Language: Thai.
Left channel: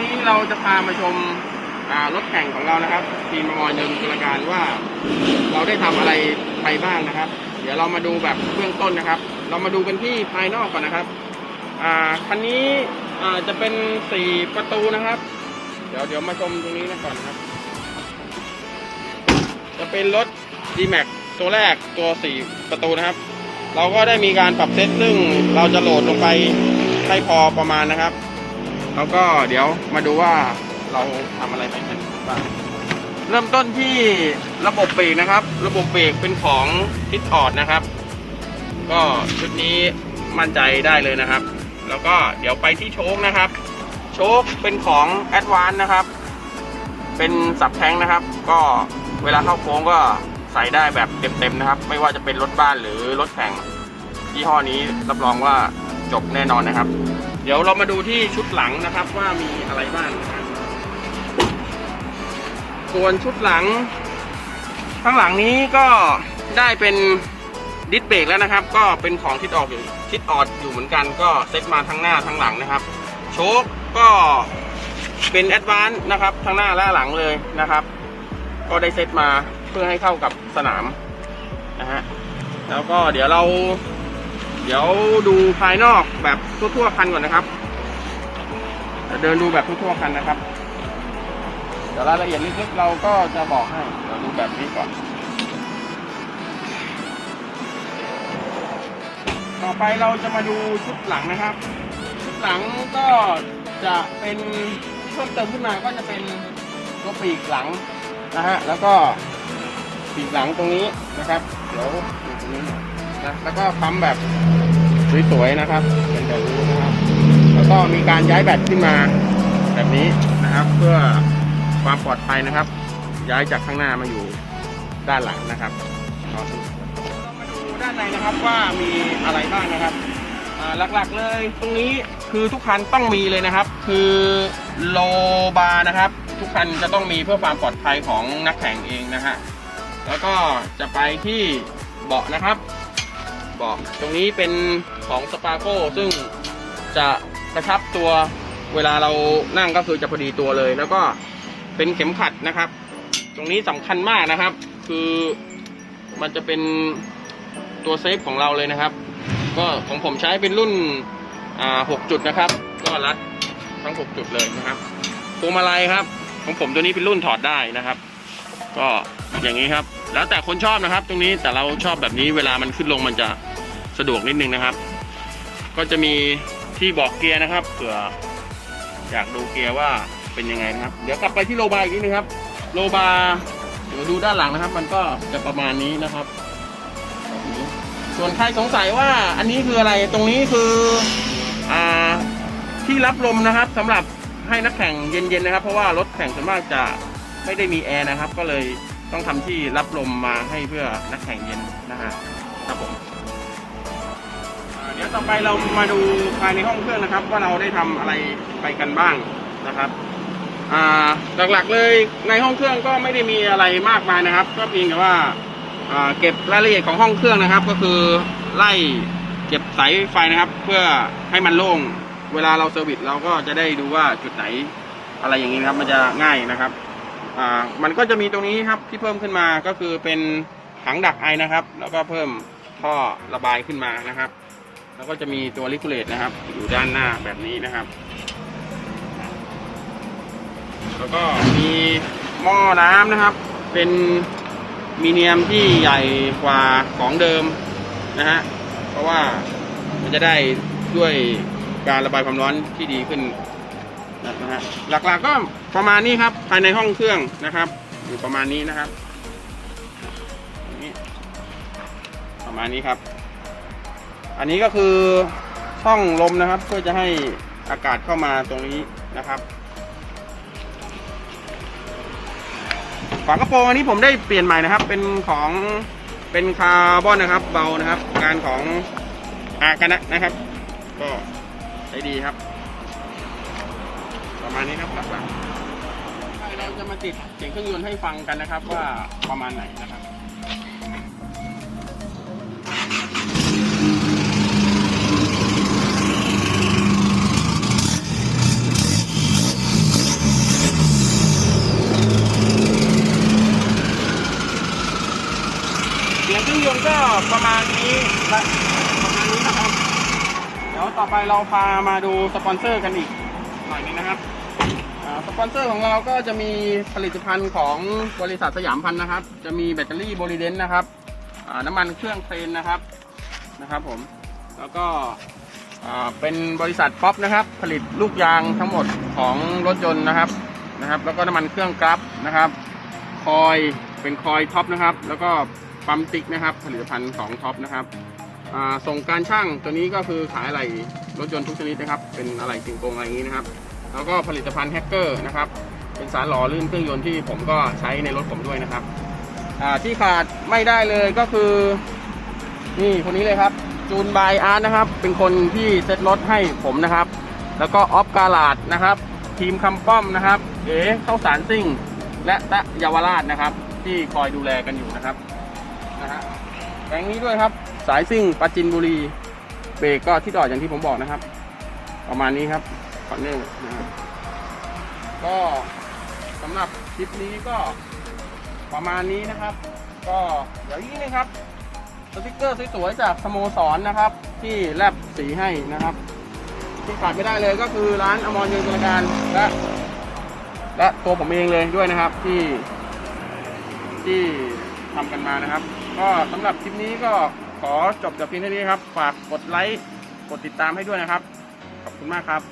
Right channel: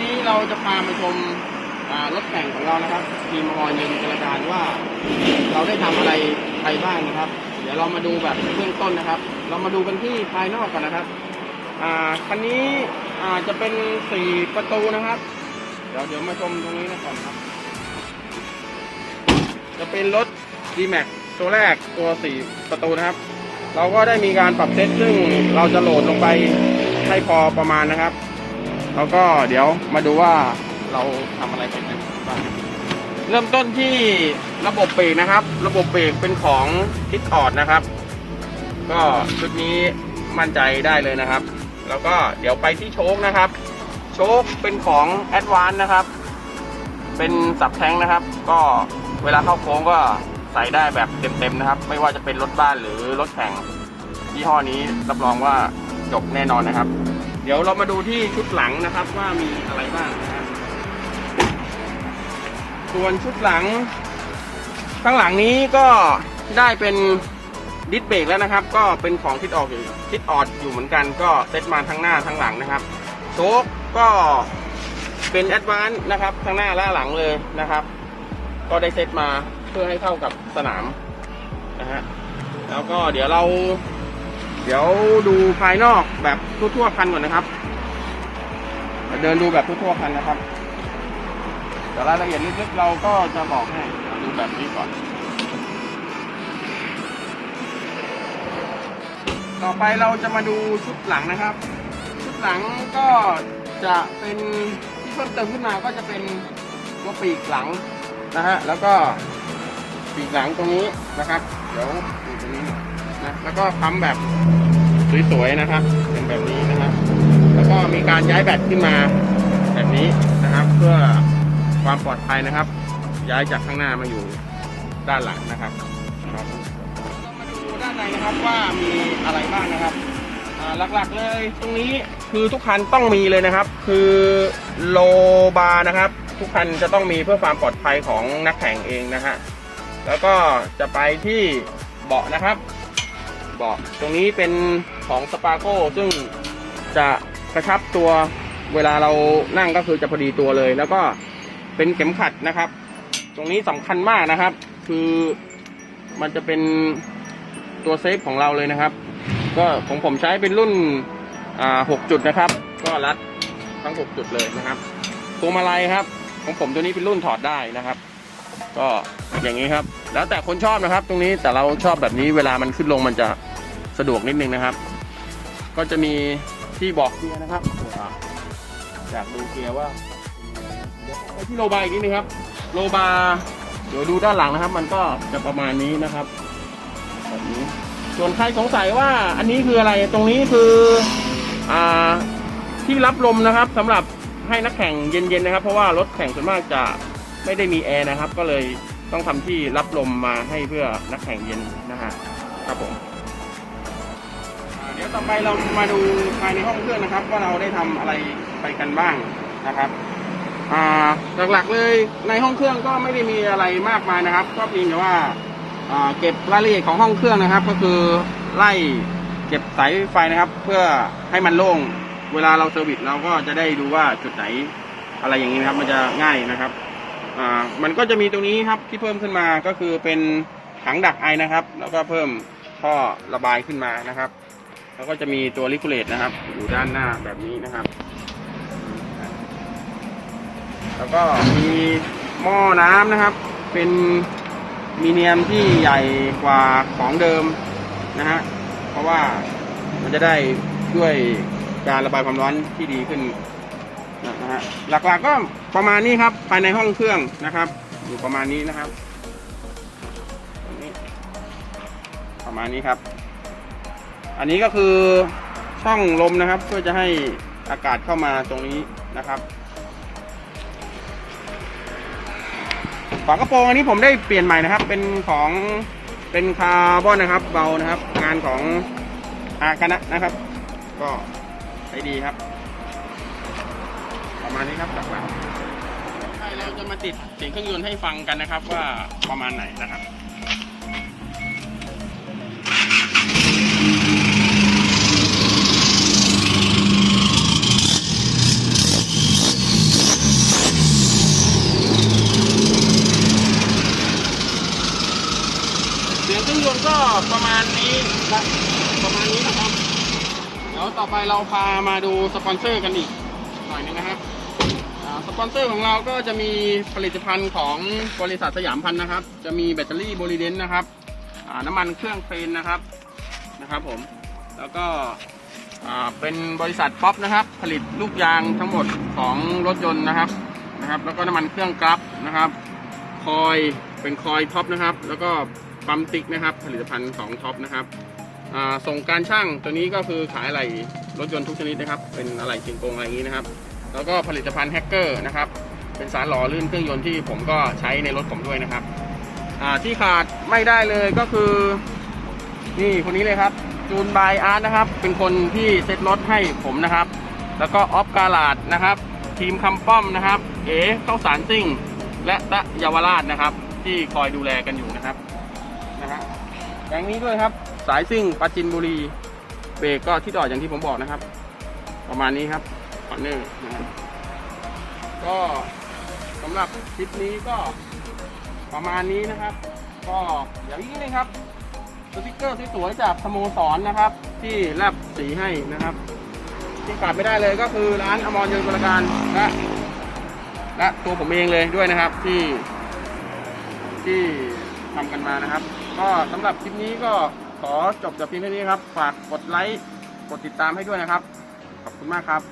นี้เราจะพามาชมรถแข่งของเรานะครับ ทีมมอยหนึ่งตุลาการว่า เราได้ทำอะไรไปบ้างนะครับ เดี๋ยวเรามาดูแบบเบื้องต้นนะครับ เรามาดูกันที่ภายนอกก่อนนะครับคันนี้จะเป็นสี่ประตูนะครับ เดี๋ยวเดี๋ยวมาชมตรงนี้ก่อนครับ จะเป็นรถ D-Max ตัวแรกตัวสี่ประตูนะครับ เราก็ได้มีการปรับเซตซึ่งเราจะโหลดลงไปให้พอประมาณนะครับ แล้วก็เดี๋ยวมาดูว่าเราทำอะไรไปกันบ้างเริ่มต้นที่ระบบเบรกนะครับ ระบบเบรกเป็นของคิดออดนะครับ ก็ชุดนี้มั่นใจได้เลยนะครับ แล้วก็เดี๋ยวไปที่โชคนะครับ โชคเป็นของ a d v a n c e นะครับ เป็นสับแท้งนะครับ ก็เวลาเข้าโค้งก็ใส่ได้แบบเต็มๆนะครับ ไม่ว่าจะเป็นรถบ้านหรือรถแข่งยี่ห้อนี้รับรองว่าจบแน่นอนนะครับ เดี๋ยวเรามาดูที่ชุดหลังนะครับว่ามีอะไรบ้างนะครับ ส่วนชุดหลัง ข้างหลังนี้ก็ได้เป็นดิสเบรกแล้วนะครับ ก็เป็นของทิศออกอยู่ทิศออดอยู่เหมือนกันก็เซตมาทั้งหน้าทั้งหลังนะครับ โชคก็เป็นแอดวานซ์นะครับทั้งหน้าและหลังเลยนะครับ ก็ได้เซตมาเพื่อให้เข้ากับสนามนะฮะแล้วก็เดี๋ยวเรา เดี๋ยวดูภายนอกแบบทั่วๆคันก่อนนะครับ เดินดูแบบทั่วๆคันนะครับ เดี๋ยวรายละเอียดลึกๆเราก็จะบอกให้เราดูแบบนี้ก่อน ต่อไปเราจะมาดูชุดหลังนะครับ ชุดหลังก็จะเป็นที่เพิ่มเติมขึ้นมาก็จะเป็นตัวปีกหลังนะฮะแล้วก็ปีกหลังตรงนี้นะครับ เดี๋ยวดูตรงนี้ น่อยนะแล้วก็ปั๊มแบบสวยๆนะครับเป็นแบบนี้นะครับ แล้วก็มีการย้ายแบตขึ้นมาแบบนี้นะครับ เพื่อความปลอดภัยนะครับ ย้ายจากข้างหน้ามาอยู่ด้านหลังนะครับครับเรามาดูด้านในนะครับว่ามีอะไรบ้างนะครับอ่าหลักๆเลยตรงนี้คือทุกคันต้องมีเลยนะครับ คือโลบาร์นะครับ ทุกคันจะต้องมีเพื่อความปลอดภัยของนักแข่งเองนะฮะแล้วก็จะไปที่เบาะนะครับเบาะตรงนี้เป็นของสปาโก้ซึ่งจะกระชับตัวเวลาเรานั่งก็คือจะพอดีตัวเลย แล้วก็เป็นเข็มขัดนะครับ ตรงนี้สำคัญมากนะครับ คือมันจะเป็นตัวเซฟของเราเลยนะครับ ก็ของผมใช้เป็นรุ่นอ่า6จุดนะครับ ก็รัดทั้ง6จุดเลยนะครับพวมาลัยครับ ของผมตัวนี้เป็นรุ่นถอดได้นะครับ ก็อย่างนี้ครับ แล้วแต่คนชอบนะครับ ตรงนี้แต่เราชอบแบบนี้เวลามันขึ้นลงมันจะสะดวกนิดนึงนะครับ ก็จะมีที่บอกเกียร์นะครับเผื่ออยากดูเกียร์ว่าเป็นยังไงครับ เดี๋ยวกลับไปที่โลบาอีกนิดนึงครับ โลบาร์เดี๋ยวดูด้านหลังนะครับ มันก็จะประมาณนี้นะครับแบบนี้ส่วนใครสงสัยว่าอันนี้คืออะไรตรงนี้คืออ่าที่รับลมนะครับสำหรับให้นักแข่งเย็นๆนะครับ เพราะว่ารถแข่งส่วนมากจะ ไม่ได้มีแอร์นะครับ ก็เลยต้องทำที่รับลมมาให้เพื่อนักแข่งเย็นนะฮะครับผมเดี๋ยวต่อไปเรามาดูภายในห้องเครื่องนะครับ ว่าเราได้ทำอะไรไปกันบ้างนะครับหลักๆเลยในห้องเครื่องก็ไม่ได้มีอะไรมากมายนะครับ ก็เพียงแต่ว่าอ่าเก็บรายละเอียดของห้องเครื่องนะครับ ก็คือไล่เก็บสายไฟนะครับ เพื่อให้มันโล่งเวลาเราเซอร์วิสเราก็จะได้ดูว่าจุดไหนอะไรอย่างนี้นะครับ มันจะง่ายนะครับ อ่ามันก็จะมีตรงนี้ครับที่เพิ่มขึ้นมาก็คือเป็นถังดักไอนะครับ แล้วก็เพิ่มท่อระบายขึ้นมานะครับ แล้วก็จะมีตัวลิคูเลตนะครับ อยู่ด้านหน้าแบบนี้นะครับ แล้วก็มีหม้อน้ำนะครับ เป็นมีเนียมที่ใหญ่กว่าของเดิมนะฮะเพราะว่ามันจะได้ด้วยการระบายความร้อนที่ดีขึ้น นะฮะหลักๆก็ประมาณนี้ครับภายในห้องเครื่องนะครับ อยู่ประมาณนี้นะครับประมาณนี้ครับ อันนี้ก็คือช่องลมนะครับ เพื่อจะให้อากาศเข้ามาตรงนี้นะครับฝากระโปรงอันนี้ผมได้เปลี่ยนใหม่นะครับ เป็นของเป็นคาร์บอนนะครับเบานะครับ งานของอาคณะนะครับ ก็ใช้ดีครับ ประมาณนี้นะครับใช่เราจะมาติดเสียงเครื่องยนต์ให้ฟังกันนะครับว่าประมาณไหนนะครับเสียงเครื่องยนต์ก็ประมาณนี้ประมาณนี้นะครับ เดี๋ยวต่อไปเราพามาดูสปอนเซอร์กันอีกหน่อยนึงนะครับ ปอนเซอร์ของเราก็จะมีผลิตภัณฑ์ของบริษัทสยามพันธ์นะครับ จะมีแบตเตอรี่โบลิเดนนะครับน้ำมันเครื่องเครนนะครับนะครับผมแล้วก็เป็นบริษัทป๊อปนะครับ ผลิตลูกยางทั้งหมดของรถยนต์นะครับนะครับ แล้วก็น้ำมันเครื่องกราฟนะครับ คอยเป็นคอยท็อปนะครับ แล้วก็ปั๊มติ๊กนะครับ ผลิตภัณฑ์ของท็อปนะครับส่งการช่างตัวนี้ก็คือขายอะไหล่รถยนต์ทุกชนิดนะครับ เป็นอะไหล่กิงโกงอะไรอย่างนี้นะครับ แล้วก็ผลิตภัณฑ์แฮกเกอร์นะครับ เป็นสารหล่อลื่นเครื่องยนต์ที่ผมก็ใช้ในรถผมด้วยนะครับอ่าที่ขาดไม่ได้เลยก็คือ นี่คนนี้เลยครับ จูนบายอาร์ตนะครับ เป็นคนที่เซ็ตรถให้ผมนะครับ แล้วก็ออฟกาลาดนะครับ ทีมคำป้อมนะครับ เอ๋เข้าสารซิ่ง และตะเยาวราชนะครับ ที่คอยดูแลกันอยู่นะครับนะฮะแก๊งนี้ด้วยครับ สายซิ่งปราจินบุรีเบรกก็ที่ต่ออย่างที่ผมบอกนะครับ ประมาณนี้ครับ อนเนอร์นะก็สำหรับคลิปนี้ก็ประมาณนี้นะครับ ก็อย่างนี้เลยครับสติกเกอร์สวยๆจากสโมสรนะครับ ที่รับสีให้นะครับที่ขาดไม่ได้เลยก็คือร้านอมรยนต์บริการและและตัวผมเองเลยด้วยนะครับที่ ที่ทำกันมานะครับ ก็สำหรับคลิปนี้ก็ขอจบแต่เพียงเท่านี้ครับ ฝากกดไลค์ กดติดตามให้ด้วยนะครับ ขอบคุณมากครับ